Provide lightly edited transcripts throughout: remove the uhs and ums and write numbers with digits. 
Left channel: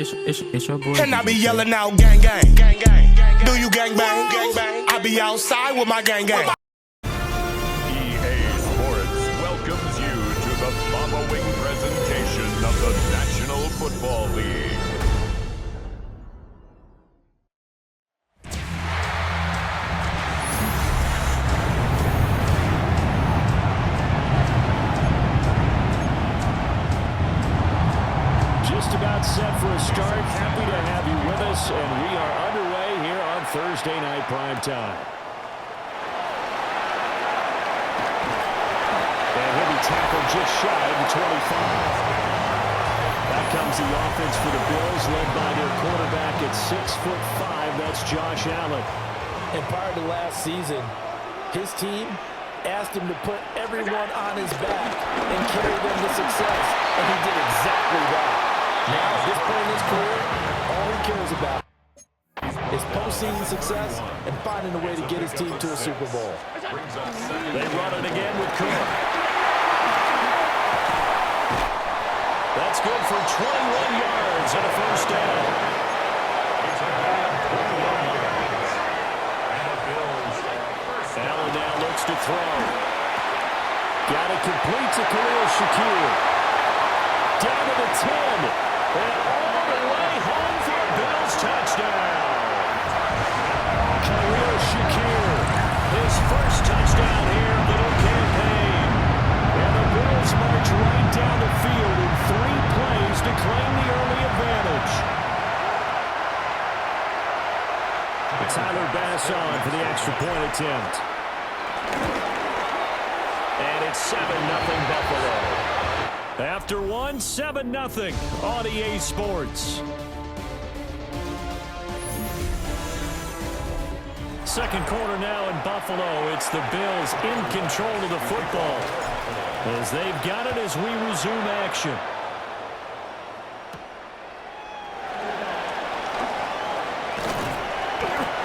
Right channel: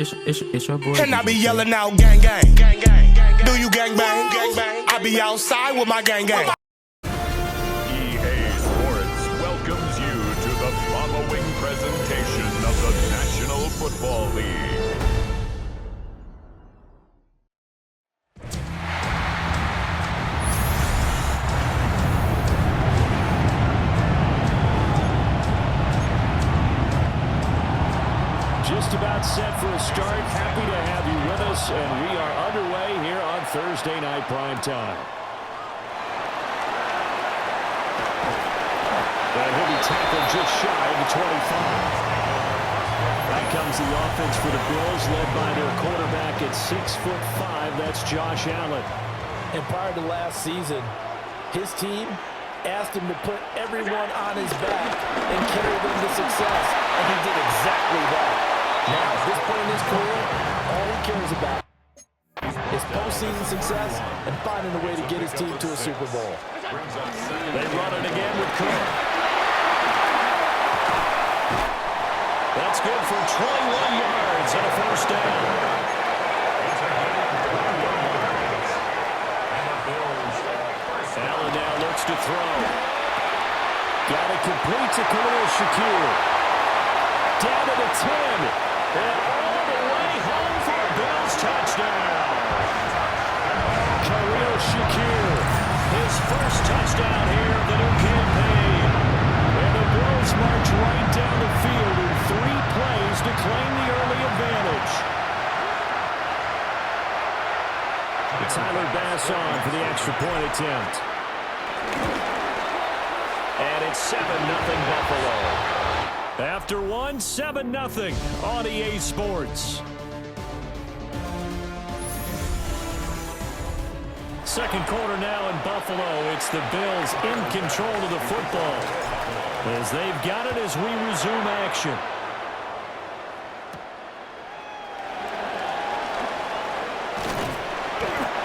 It's your boy. And I be yelling out gang gang. Do you gang bang? I be outside with my gang gang. EA Sports welcomes you to the following presentation of the National Football League. Just about set for a start. Happy to have you with us, and we are underway here on Thursday Night Primetime. And he'll be tackled just shy of the 25. Back comes the offense for the Bills, led by their quarterback at 6'5". That's Josh Allen. And prior to last season, his team asked him to put everyone on his back and carry them to success, and he did exactly that. Now, at this point in his career, all he cares about is postseason success and finding a way to get his team to a Super Bowl. They run it again with Cook. That's good for 21 yards and a first down. Allen now looks to throw. Got it complete to Khalil Shakir. Down to the 10. And all the way home for a Bills touchdown. Khalil Shakir, his first touchdown here of the new campaign. And the Bills march right down the field in 3 plays to claim the early advantage. Tyler Bass on for the extra point attempt. And it's 7-0 Buffalo. After one, 7-0 on EA Sports. Second quarter now in Buffalo. It's the Bills in control of the football as they've got it as we resume action.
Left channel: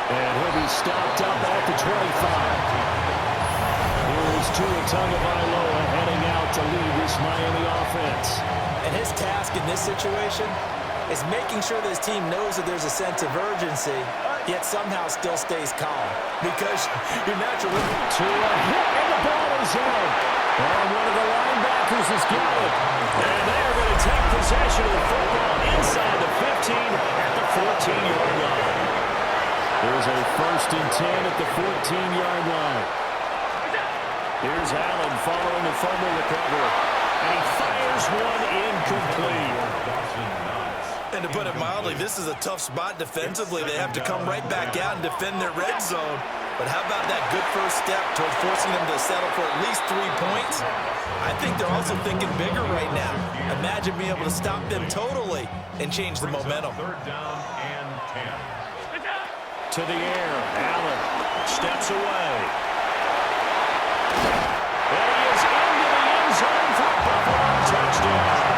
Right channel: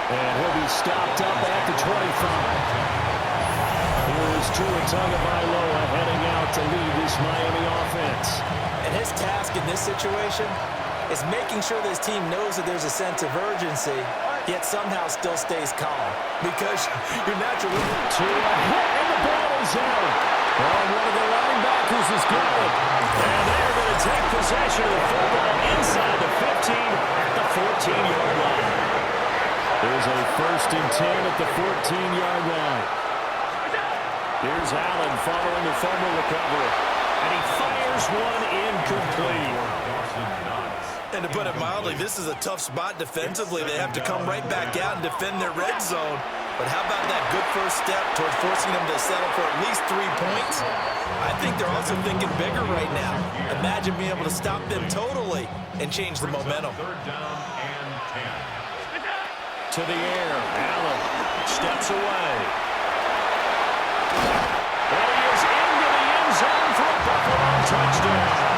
And he'll be stopped up at the 25. Here's Tua Tagovailoa heading out to lead this Miami offense. And his task in this situation is making sure that his team knows that there's a sense of urgency, yet somehow still stays calm. Because you're naturally... Tua hit, and the ball is out. Oh, one of the linebackers has got it. And they're going to take possession of the football inside the 15 at the 14-yard line. There's a 1st and 10 at the 14-yard line. Here's Allen following the fumble recovery. And he fires one incomplete. And to put it mildly, this is a tough spot defensively. They have to come right back out and defend their red zone. But how about that good first step towards forcing them to settle for at least 3 points? I think they're also thinking bigger right now. Imagine being able to stop them totally and change the momentum. 3rd down and 10. To the air, Allen steps away. And he is into the end zone for a Buffalo touchdown.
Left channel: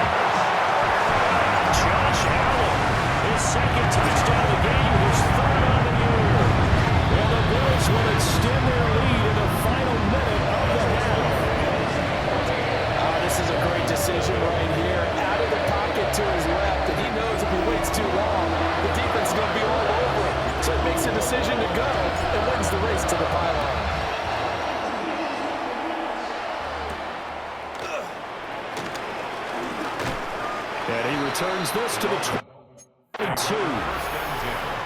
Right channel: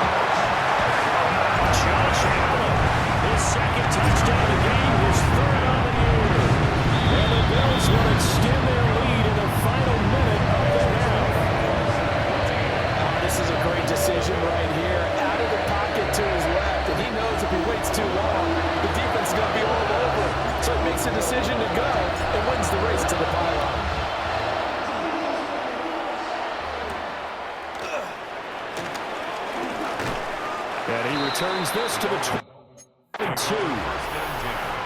Josh Allen, his 2nd touchdown of the game, his 3rd on the year. And the Bills will extend their lead in the final minute of the half. This is a great decision right here. Out of the pocket to his left, and he knows if he waits too long, the defense is going to be all over him. So he makes a decision to go and wins the race to the pylon. And he returns this to the 22.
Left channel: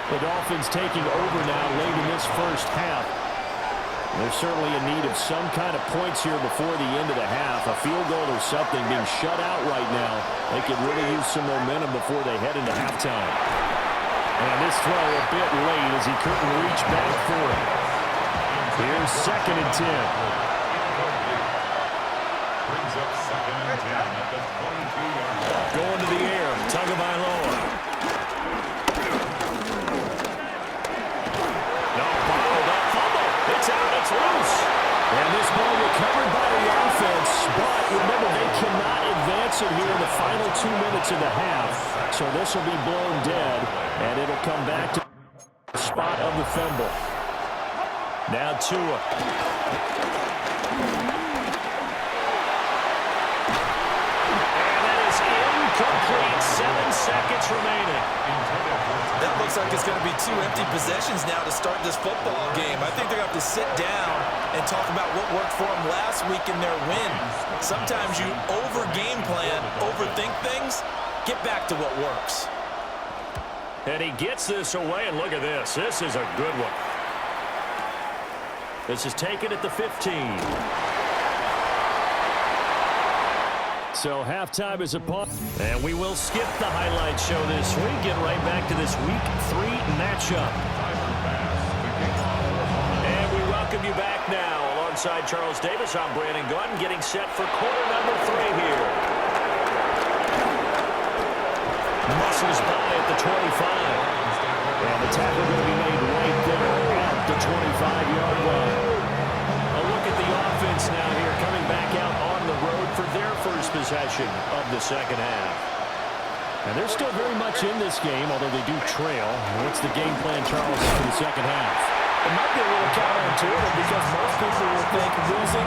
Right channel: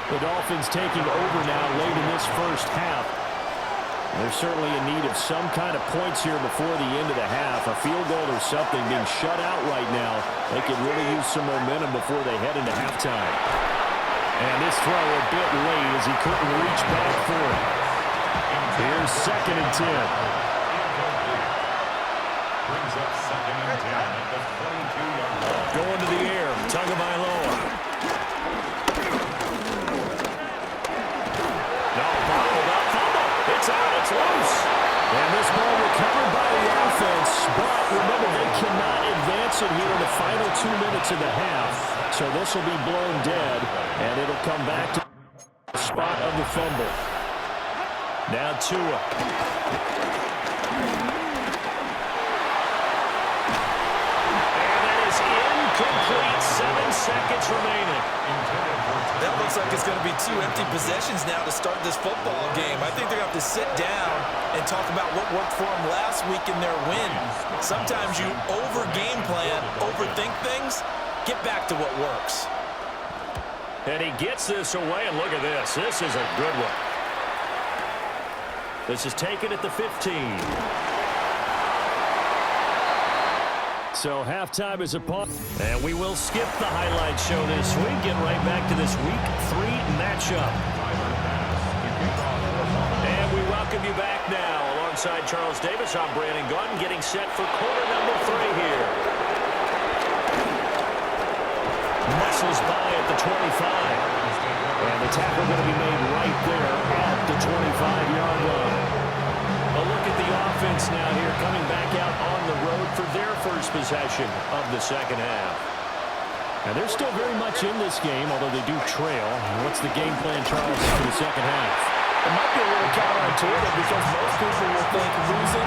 The Dolphins taking over now late in this first half. They're certainly in need of some kind of points here before the end of the half. A field goal or something, being shut out right now. They could really use some momentum before they head into halftime. And this throw a bit late as he couldn't reach back for it. Here's 2nd and 10. Brings up 2nd and 10 at the 22-yard line. Going to the air, Tagovailoa. No, bottled up, fumble. It's out, it's loose. And this ball recovered by the offense, but remember, they cannot advance it here in the final 2 minutes of the half. So this will be blown dead, and it'll come back to the spot of the fumble. Now Tua. complete. 7 seconds remaining. That looks like it's going to be 2 empty possessions now to start this football game. I think they're going to have to sit down and talk about what worked for them last week in their win. Sometimes you over-game plan, overthink things. Get back to what works. And he gets this away, and look at this. This is a good one. This is taken at the 15. So halftime is upon. And we will skip the highlight show this week. Get right back to this Week 3 matchup. And we welcome you back now. Alongside Charles Davis, I'm Brandon Gaudin, getting set for quarter number 3 here. Muscles by at the 25. And the tackle going to be made right there at the 25-yard line. A look at the offense now here, coming back out on the road for their first possession of the second half. And they're still very much in this game, although they do trail. What's the game plan, Charles, for the second half? It might be a little counterintuitive because most people will think losing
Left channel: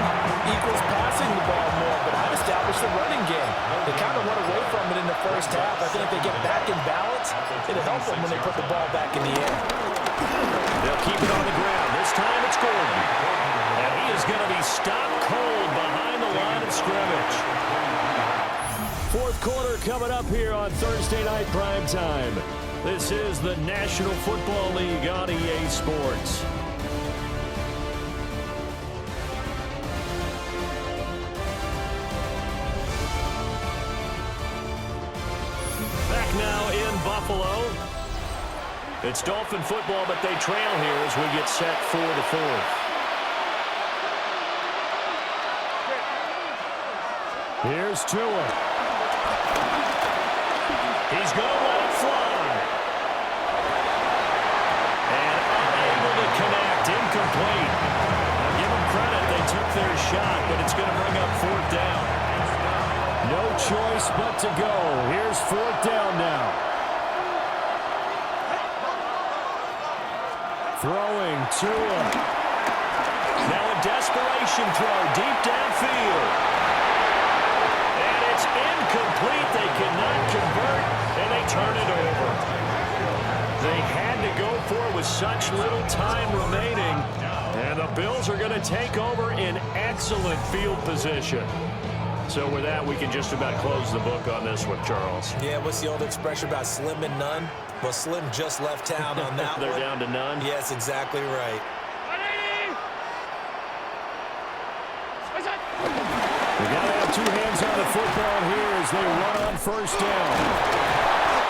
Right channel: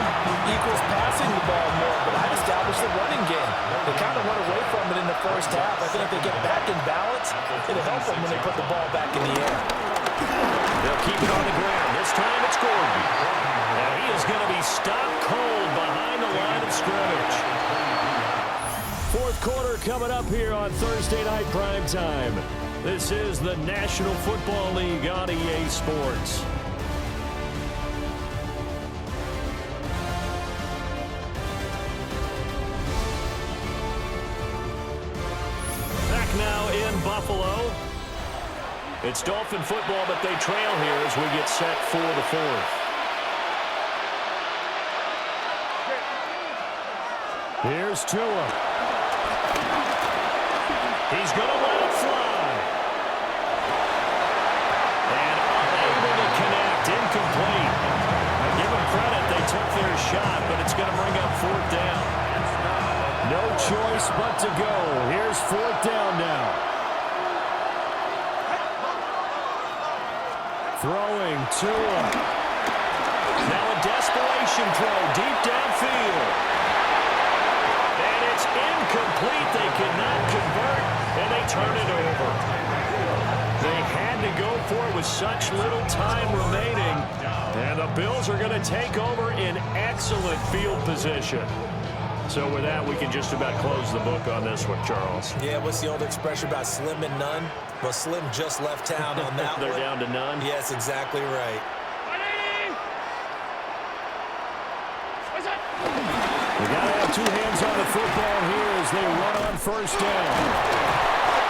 equals passing the ball more, but I've established the running game. They kind of went away from it in the first half. I think if they get back in balance, it'll help them when they put the ball back in the air. They'll keep it on the ground. This time it's Gordon. And he is going to be stopped cold behind the line of scrimmage. Fourth quarter coming up here on Thursday Night Primetime. This is the National Football League on EA Sports. Back now in Buffalo. It's Dolphin football, but they trail here as we get set for the fourth. Here's Tua. He's going to let it fly. And unable to connect, incomplete. Now give them credit, they took their shot, but it's going to bring up fourth down. No choice but to go. Here's fourth down now. Throwing Tua. Now a desperation throw deep downfield. And it's incomplete. They cannot convert, and they turn it over. They had to go for it with such little time remaining. And the Bills are going to take over in excellent field position. So with that, we can just about close the book on this one, Charles. Yeah, what's the old expression about slim and none? Well, Slim just left town on that They're one. down to none? Yes, exactly right. They got to have two hands on the football here as they run on first down.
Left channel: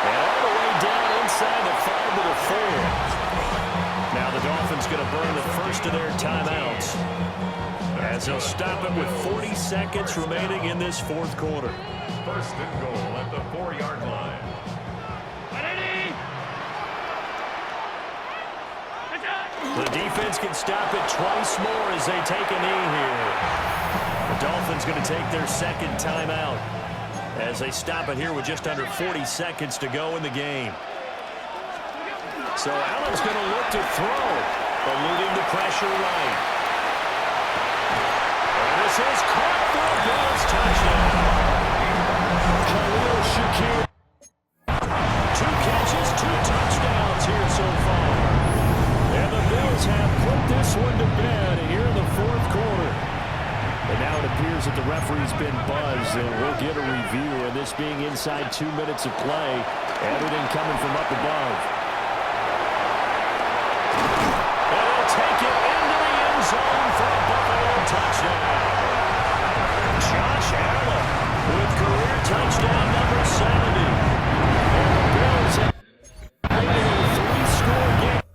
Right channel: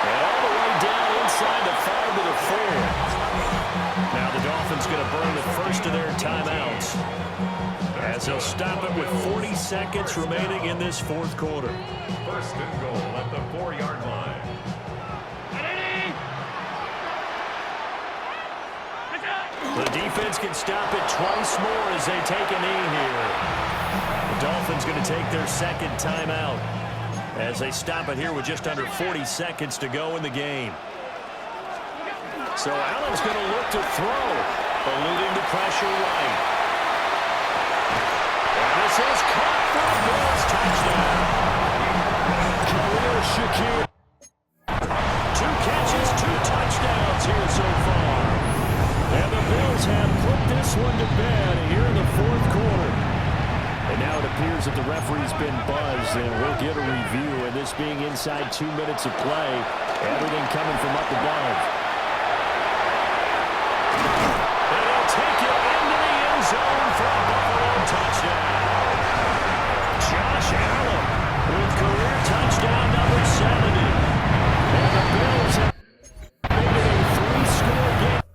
And all the way down inside the 5 to the 4. Now the Dolphins going to burn the first of their timeouts as they'll stop it with 40 seconds remaining in this fourth quarter. First and goal at the 4-yard line. The defense can stop it twice more as they take a knee here. The Dolphins going to take their second timeout as they stop it here with just under 40 seconds to go in the game. So Allen's going to look to throw, eluding the pressure right. And this is caught for a Bills touchdown. Khalil Shakir. 2 catches, 2 touchdowns here so far. And the Bills have put this one to bed here in the fourth quarter. And now it appears that the referee's been buzzed, and we'll get a review. And this being inside 2 minutes of play, everything coming from up above. And he'll take it into the end zone for a Buffalo touchdown. Josh Allen with career touchdown number 70. And the Bills have made it a 3-score game.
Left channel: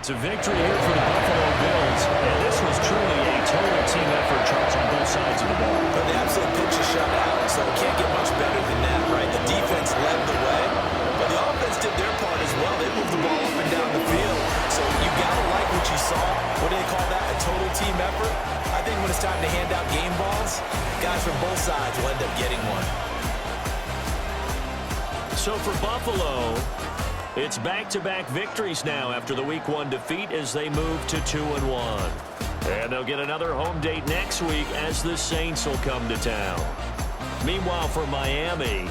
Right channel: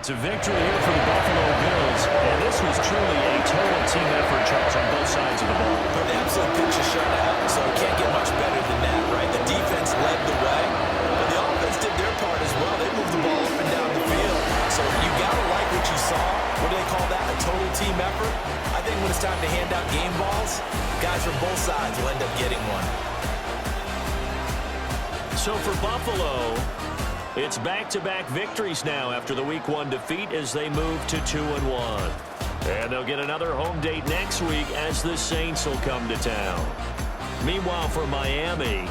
It's a victory here for the Buffalo Bills, and this was truly a total team effort, Charles, on both sides of the ball. But the absolute pitch is shut out, so it can't get much better than that, right? The defense led the way, but the offense did their part as well. They moved the ball up and down the field, so you got to like what you saw. What do they call that, a total team effort? I think when it's time to hand out game balls, guys from both sides will end up getting one. So for Buffalo, it's back-to-back victories now after the Week 1 defeat as they move to 2-1. And they'll get another home date next week as the Saints will come to town. Meanwhile, for Miami,